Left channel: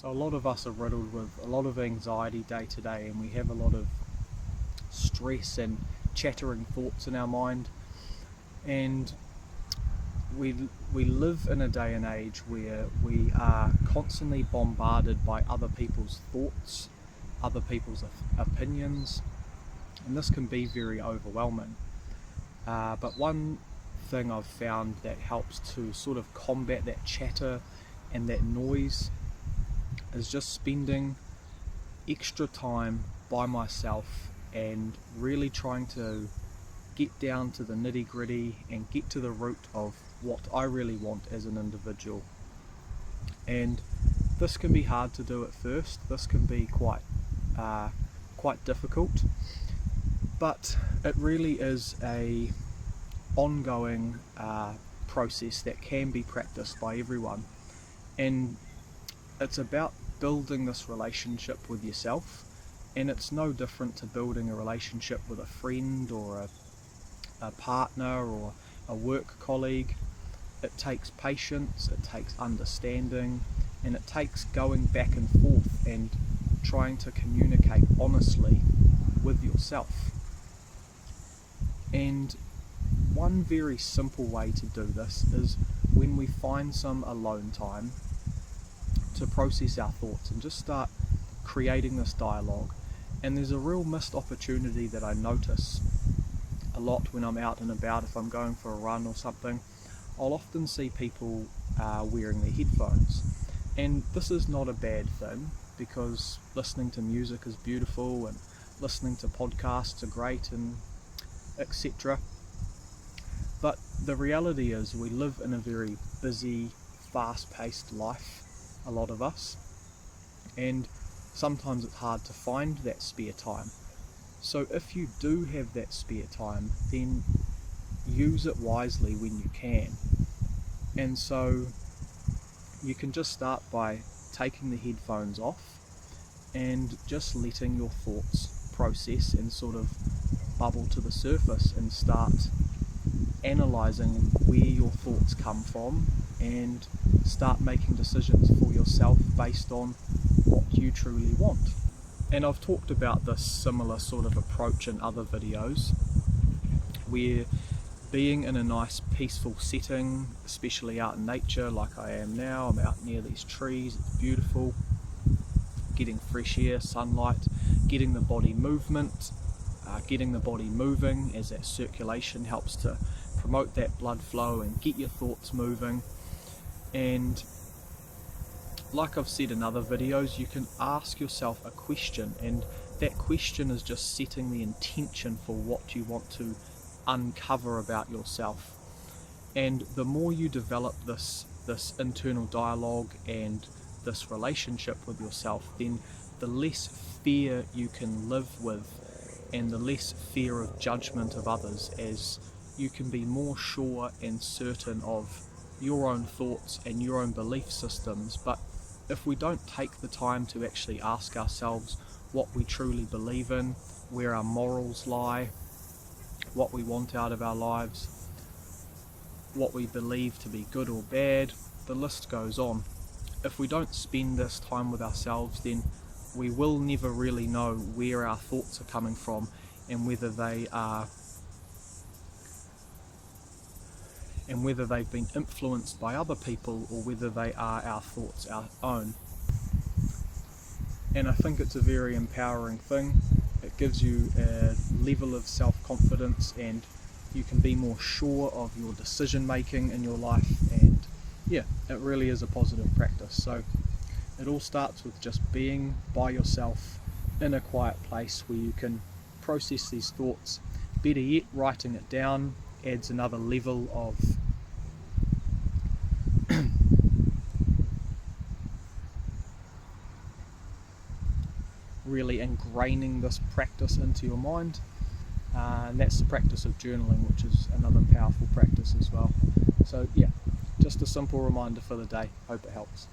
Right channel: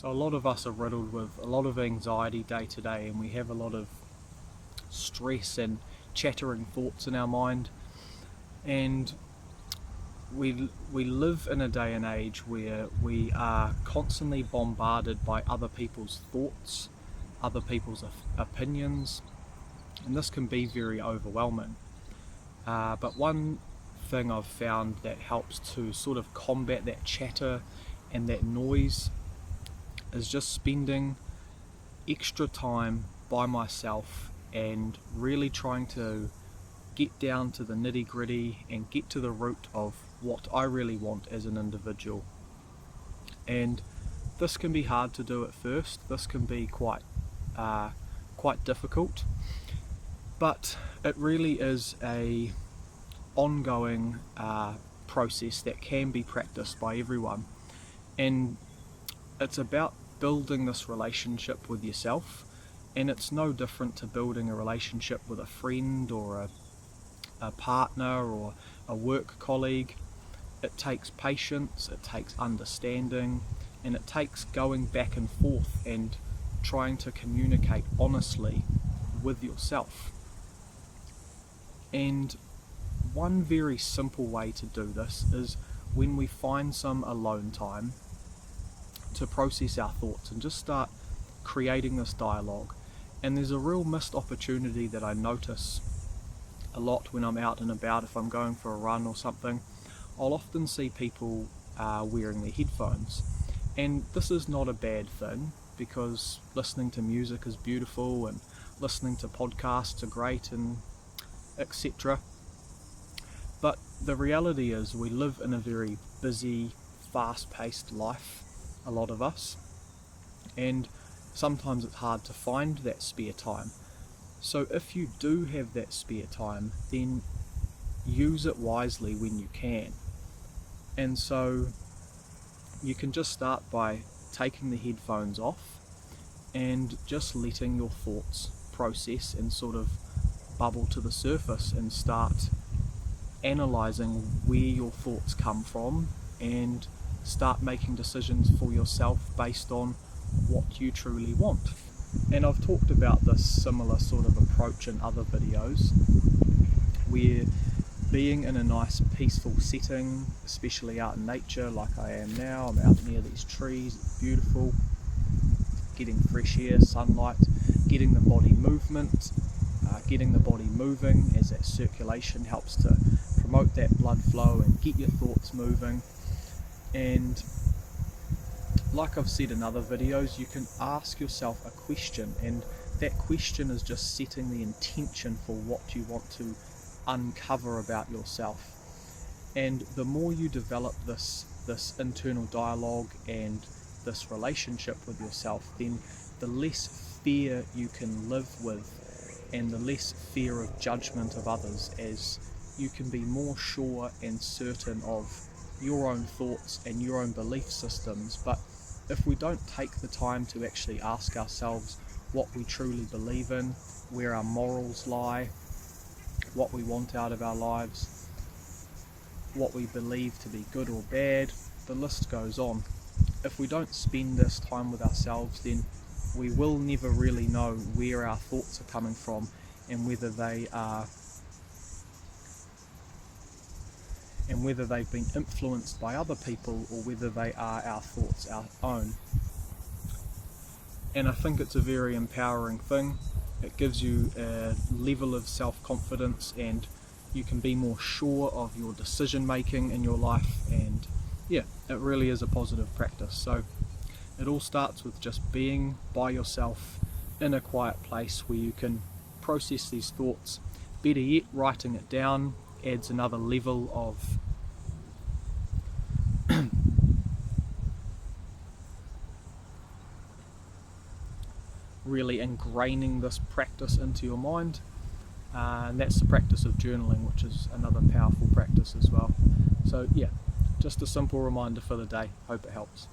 So a lot of us are riddled with a lot of anxiety day to day, and we have a lot of stress and chattering thoughts in our mind, and we live in a day and age where we are constantly bombarded by other people's thoughts, other people's opinions, and this can be very overwhelming. But one thing I've found that helps to sort of combat that chatter and that noise is just spending extra time by myself and really trying to get down to the nitty-gritty and get to the root of what I really want as an individual. And this can be hard to do at first. This can be quite difficult, but it really is a ongoing process that can be practiced by everyone, and it's about building this relationship with yourself. And it's no different to building a relationship with a friend or a partner or a work colleague. It takes patience, it takes understanding, and it takes going back and forth and trying to communicate honestly with yourself. And one very simple way to do this is when we find some alone time to process our thoughts and just start creating this dialogue. And there's a real missed opportunity that I notice a lot when I'm out and about. If I'm going for a run or something, I'll often see people wearing their headphones, and this is not a bad thing, because listening to music is beautiful and listening to podcasts are great and etc. But the reality is we live in a very busy, fast-paced life, a lot of us, and sometimes it's hard to find that spare time. So if you do have that spare time, then use it wisely when you can. And so you can just start by taking the headphones off and just letting your thoughts process and sort of bubble to the surface, and start analysing where your thoughts come from and start making decisions for yourself based on what you truly want. And I've talked about this similar sort of approach in other videos, where being in a nice peaceful setting, especially out in nature like I am now, I'm out near these trees, it's beautiful, getting fresh air, sunlight, getting the body movement, getting the body moving, as that circulation helps to promote that blood flow and get your thoughts moving. And like I've said in other videos, you can ask yourself a question, and that question is just setting the intention for what you want to uncover about yourself. And the more you develop this internal dialogue and this relationship with yourself, then the less fear you can live with, and the less fear of judgment of others, as you can be more sure and certain of your own thoughts and your own belief systems. But if we don't take the time to actually ask ourselves what we truly believe in, where our morals lie, what we want out of our lives, what we believe to be good or bad, the list goes on. If we don't spend this time with ourselves, then we will never really know where our thoughts are coming from, and whether they've been influenced by other people, or whether they are our thoughts, our own. And I think it's a very empowering thing. It gives you a level of self-confidence, and you can be more sure of your decision making in your life. And yeah, it really is a positive practice. So it all starts with just being by yourself in a quiet place where you can process these thoughts. Better yet, writing it down adds another level of really ingraining this practice into your mind, and that's the practice of journaling, which is another powerful practice as well. So yeah, just a simple reminder for the day. Hope it helps.